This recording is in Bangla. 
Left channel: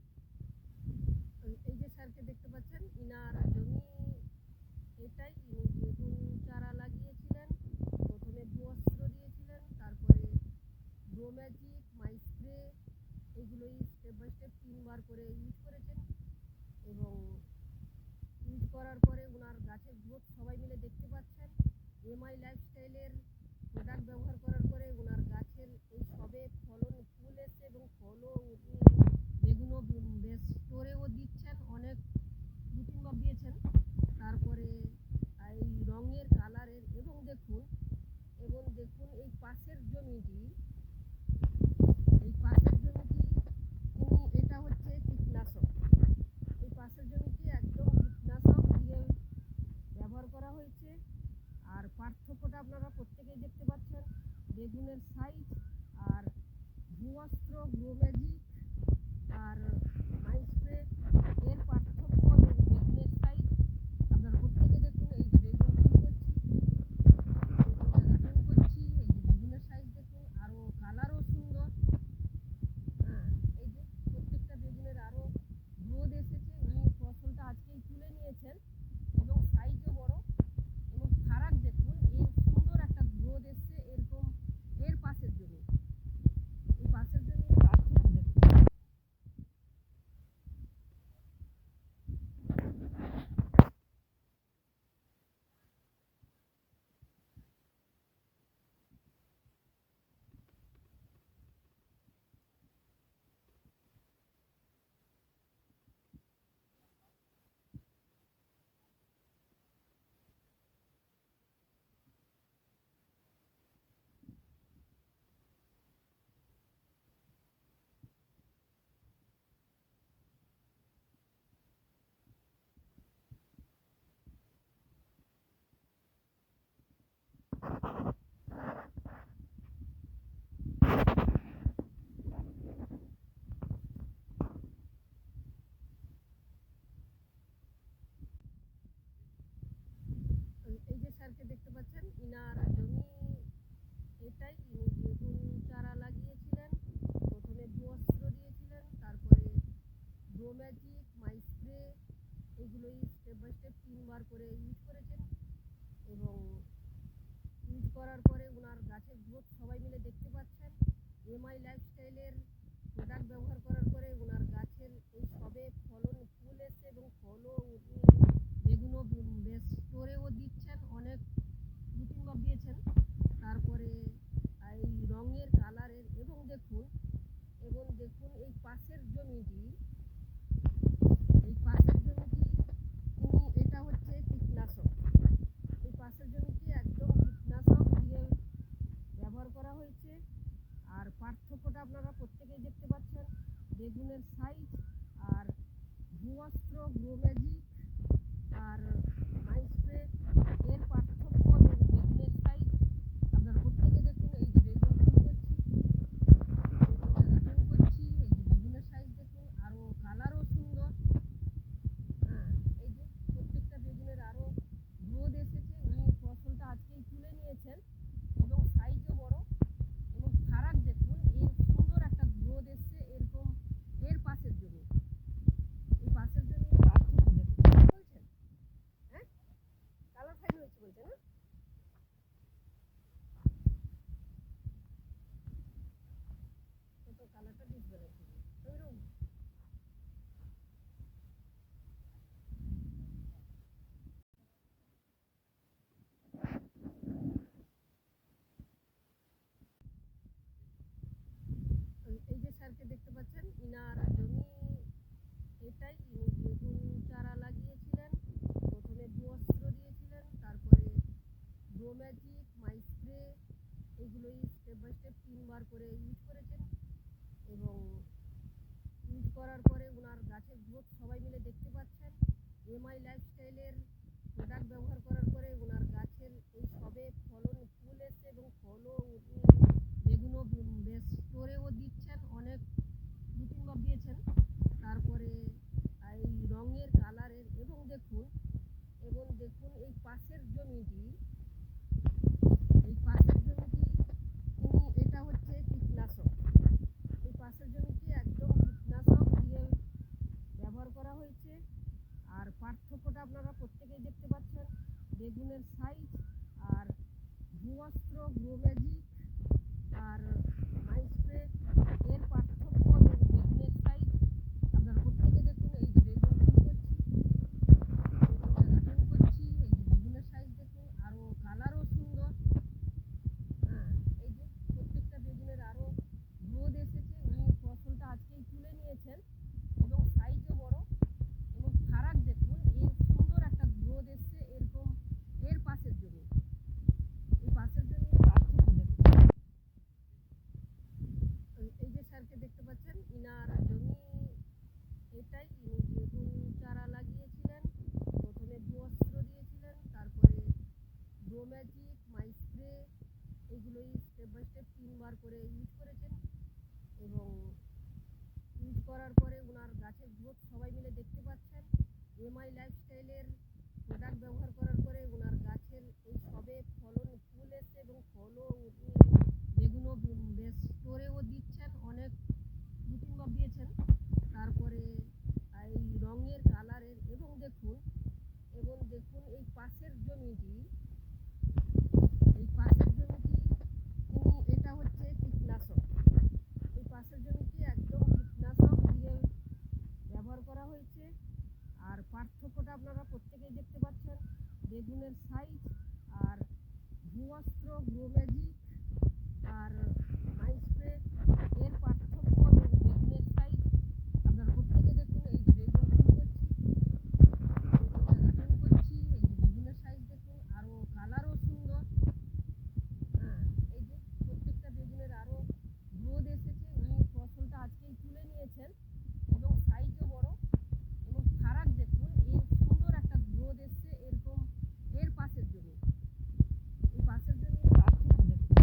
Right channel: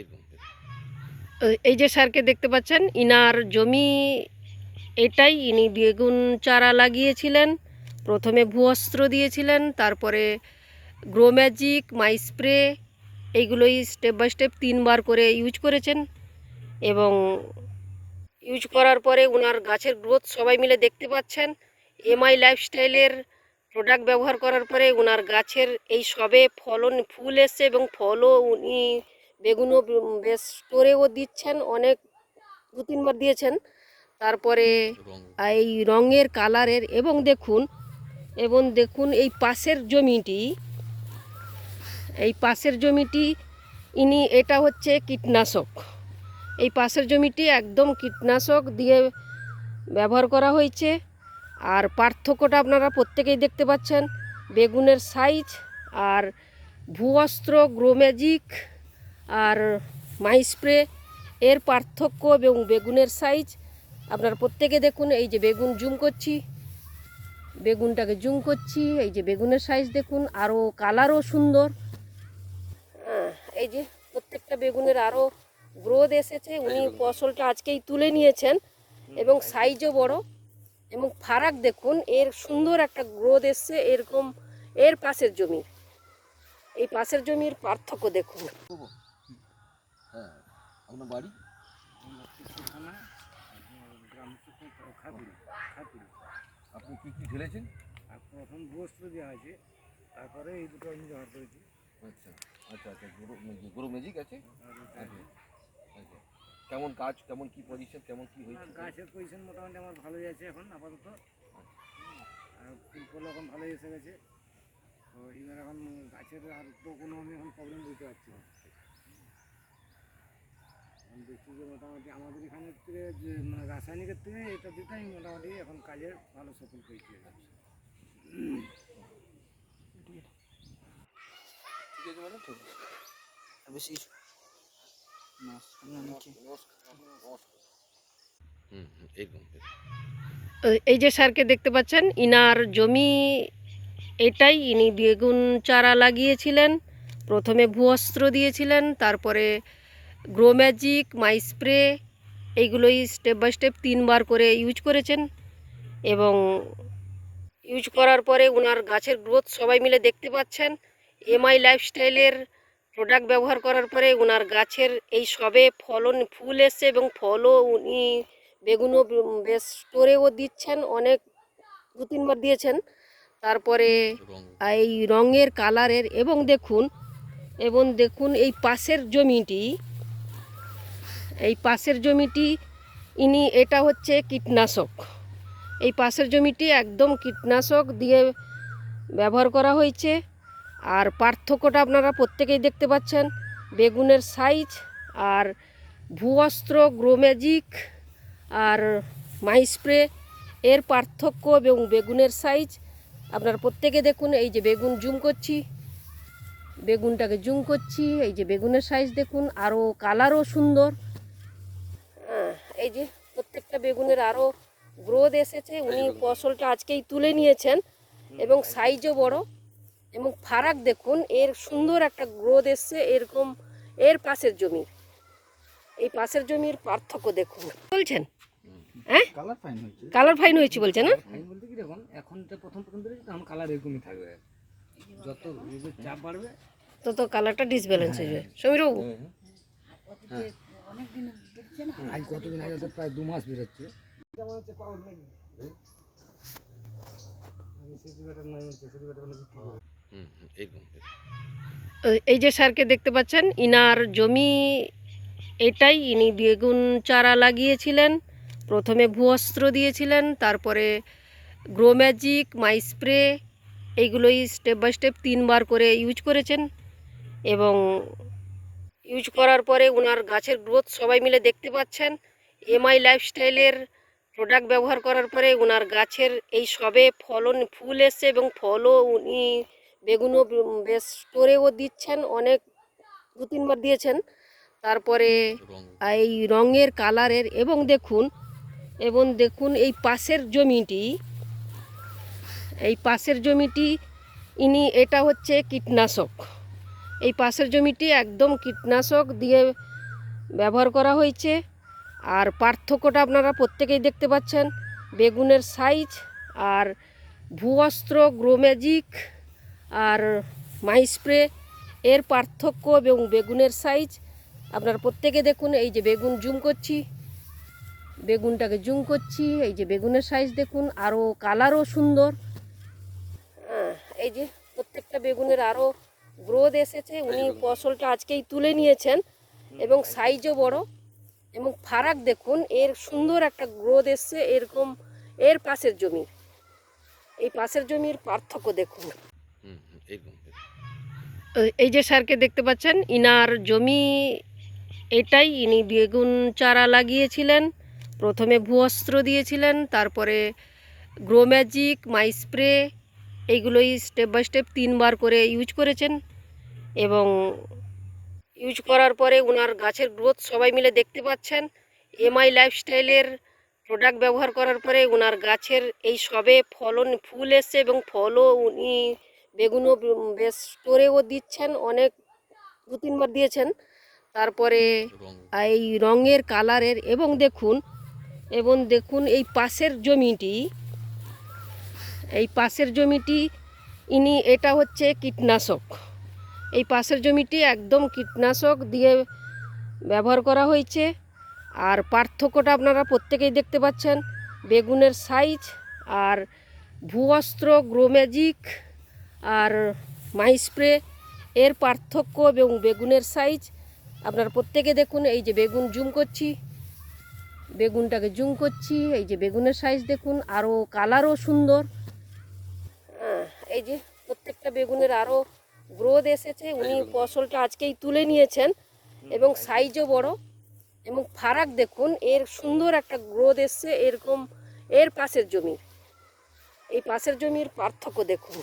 একদম। এই যে স্যারকে দেখতে পাচ্ছেন, ইনার জমি এটাই। ইনি বেগুন চারা লাগিয়েছিলেন, প্রথমে ভূঅস্ত্র দিয়েছিলেন, তারপরে গ্রো ম্যাজিক, মাই স্প্রে, এইগুলোই স্টেপ বাই স্টেপ 3বার করে ইউজ করেছেন। এবং ইউজ করার পরে ওনার গাছের গ্রোথ সবাই মিলে দেখতে পাচ্ছেন। এমআই লাইফস্টাইলের প্রোডাক্ট ব্যবহার করার পরে ওনার গাছের এই সবে ফলন ফুল এসছে, এবং ফলও উনি বেগুনও বেশ স্টোরেও দিচ্ছেন, অনেক 2-3বার দিয়েছেন। তারপরে এই রঙের কালারের এবং দেখুন এই পাশের জমিটি ইনি, এটা হচ্ছে কীটনাশক। এই পাশের জমিটি একদম কীটনাশক দিয়ে ব্যবহার করা হয়েছে। আর পার্থক্যটা আপনারা প্রত্যেকেই দেখতে পাচ্ছেন, বেগুনের সাইজ আর ভূঅস্ত্র, গ্রো ম্যাজিক আর মাই স্প্রে এর পার্থক্য এবং বেগুনের সাইজ আপনারা প্রত্যেকে দেখুন। এই যে বেগুন বেগুনটাকে জুম করছি, এই যে বেগুনের সাইজ দেখুন, আরও কালারও সুন্দর। এই যে প্রত্যেকটা বেগুনের আরও গ্রোথ এসেছে। উনি ফসলটা আজকেই তুলে নিয়েছেন এবং সাইজও বড়, এবং ফারাক দেখুন, এর সুন্দর একটা গ্রোথ এসছে এরকম। এই পাশের জমির পার্থক্য দেখুন। হ্যাঁ, আপনার বাড়ি? আপনি কি কি ঢেলেছেন? প্রথম বস্ত্র দেওয়া হয়েছে, তারপরে এই দুটো আমি ব্যবহার করেছি। আচ্ছা আচ্ছা আচ্ছা, গরু ম্যাজিক আছে। আচ্ছা আচ্ছা, কেমন কাজ, কেমন কি পজিশন, কেমন কি হয়েছে? গাছের পজিশন মোটামুটি আমার ভালোই আছে এখন আপাতত। আর ফুল ফল এখন ভালোই এসে গেছে। তো এবার এখন গাছের আর তো কোনো আমি এখন প্রবলেম বুঝতে পারছি না। এখন দেখছি যে মোটামুটি আমাদের এখানের থেকে যে রাসায়নিকের থেকে এটা দিতেই মোটামুটি এখন কাজের ভালো সফল পেয়েছি। ঠিক আছে ম্যাডাম, বেশি একদম। এই যে স্যারকে দেখতে পাচ্ছেন, ইনার জমি এটাই। ইনি বেগুন চারা লাগিয়েছিলেন, প্রথমে ভূঅস্ত্র দিয়েছিলেন, তারপরে গ্রো ম্যাজিক, মাই স্প্রে, এইগুলোই স্টেপ বাই স্টেপ 3বার করে ইউজ করেছেন। এবং ইউজ করার পরে ওনার গাছের গ্রোথ সবাই মিলে দেখতে পাচ্ছেন। এমআই লাইফস্টাইলের প্রোডাক্ট ব্যবহার করার পরে ওনার গাছের এই সবে ফলন ফুল এসছে, এবং ফলও উনি বেগুনও বেশ স্টোরেও দিচ্ছেন, অনেক 2-3বার দিয়েছেন। তারপরে এই রঙের কালারের এবং দেখুন এই পাশের জমিটি ইনি, এটা হচ্ছে কীটনাশক। এই পাশের জমিটি একদম কীটনাশক দিয়ে ব্যবহার করা হয়েছে। আর পার্থক্যটা আপনারা প্রত্যেকেই দেখতে পাচ্ছেন, বেগুনের সাইজ আর ভূঅস্ত্র, গ্রো ম্যাজিক আর মাই স্প্রে এর পার্থক্য এবং বেগুনের সাইজ আপনারা প্রত্যেকে দেখুন। এই যে বেগুনটাকে জুম করছি, এই যে বেগুনের সাইজ দেখুন, আরও কালারও সুন্দর। এই যে প্রত্যেকটা বেগুনের আরও গ্রোথ এসেছে। উনি ফসলটা আজকেই তুলে নিয়েছেন এবং সাইজও বড়, এবং ফারাক দেখুন, এর সুন্দর একটা গ্রোথ এসছে এরকম। এই পাশের জমির পার্থক্য দেখুন। বলছেন হ্যাঁ, কালার ফাইন হয়েছে বলছে না? ফাইন বলতে কি দেখুন, এখন তো প্রথম দিয়েছি, আমার কালার এরকমই থাকবে। যত চাপ বাড়বে তো কালারটা ডিসব্যালেন্স হয়ে যায়। সমীরবাবু, আজ কতদিন আগে তো প্রায় 2 মাস বেরোচ্ছে। একদম। এই যে স্যারকে দেখতে পাচ্ছেন, ইনার জমি এটাই। ইনি বেগুন চারা লাগিয়েছিলেন, প্রথমে ভূঅস্ত্র দিয়েছিলেন, তারপরে গ্রো ম্যাজিক, মাই স্প্রে, এইগুলোই স্টেপ বাই স্টেপ 3বার করে ইউজ করেছেন। এবং ইউজ করার পরে ওনার গাছের গ্রোথ সবাই মিলে দেখতে পাচ্ছেন। এমআই লাইফস্টাইলের প্রোডাক্ট ব্যবহার করার পরে ওনার গাছের এই সবে ফলন ফুল এসছে, এবং ফলও উনি বেগুনও বেশ স্টোরেও দিচ্ছেন, অনেক 2-3বার দিয়েছেন। তারপরে এই রঙের কালারের এবং দেখুন এই পাশের জমিটি ইনি, এটা হচ্ছে কীটনাশক। এই পাশের জমিটি একদম কীটনাশক দিয়ে ব্যবহার করা হয়েছে। আর পার্থক্যটা আপনারা প্রত্যেকেই দেখতে পাচ্ছেন, বেগুনের সাইজ আর ভূঅস্ত্র, গ্রোম্যাজিক আর মাই স্প্রে এর পার্থক্য এবং বেগুনের সাইজ আপনারা প্রত্যেকে দেখুন। এই যে বেগুন জুম করছি, বেগুনটাকে জুম করছি, এই যে বেগুনের সাইজ দেখুন, আরও কালারও সুন্দর। এই যে প্রত্যেকটা বেগুনের আরও গ্রোথ এসেছে। উনি ফসলটা আজকেই তুলে নিয়েছেন এবং সাইজও বড় এবং ফারাক দেখুন, এর সুন্দর একটা গ্রোথ এসছে। এরকম এর পাশের জমি, এই পাশের জমির পার্থক্য দেখুন। এই যে স্যারকে দেখতে পাচ্ছেন, ইনার জমি এটাই। ইনি বেগুন চারা লাগিয়েছিলেন, প্রথমে ভূঅস্ত্র দিয়েছিলেন, তারপরে গ্রোম্যাজিক, মাই স্প্রে এইগুলোই স্টেপ বাই স্টেপ 3বার করে ইউজ করেছেন। এবং ইউজ করার পরে ওনার গাছের গ্রোথ সবাই মিলে দেখতে পাচ্ছেন। এমআই লাইফস্টাইলের প্রোডাক্ট ব্যবহার করার পরে ওনার গাছের এই সবে ফুল এসছে এবং ফলও উনি বেগুনও বেশ স্টোরেও দিচ্ছেন, অনেক 2-3বার দিয়েছেন। তারপরে এই রঙের কালারের এবং দেখুন এই পাশের জমিটি ইনি, এটা হচ্ছে কীটনাশক। এই পাশের জমিটি একদম কীটনাশক দিয়ে ব্যবহার করা হয়েছে। আর পার্থক্যটা আপনারা প্রত্যেকেই দেখতে পাচ্ছেন, বেগুনের সাইজ আর ভূঅস্ত্র, গ্রোম্যাজিক আর মাই স্প্রে এর পার্থক্য এবং বেগুনের সাইজ আপনারা প্রত্যেকে দেখুন। এই যে বেগুন জুম করছি, বেগুনটাকে জুম করছি, এই যে বেগুনের সাইজ দেখুন, আরও কালারও সুন্দর। এই যে প্রত্যেকটা বেগুনের আরও গ্রোথ এসেছে। উনি ফসলটা আজকেই তুলে নিয়েছেন এবং সাইজও বড় এবং ফারাক দেখুন, এর সুন্দর একটা গ্রোথ এসছে। এরকম এর পাশের জমি, এই পাশের জমির পার্থক্য দেখুন।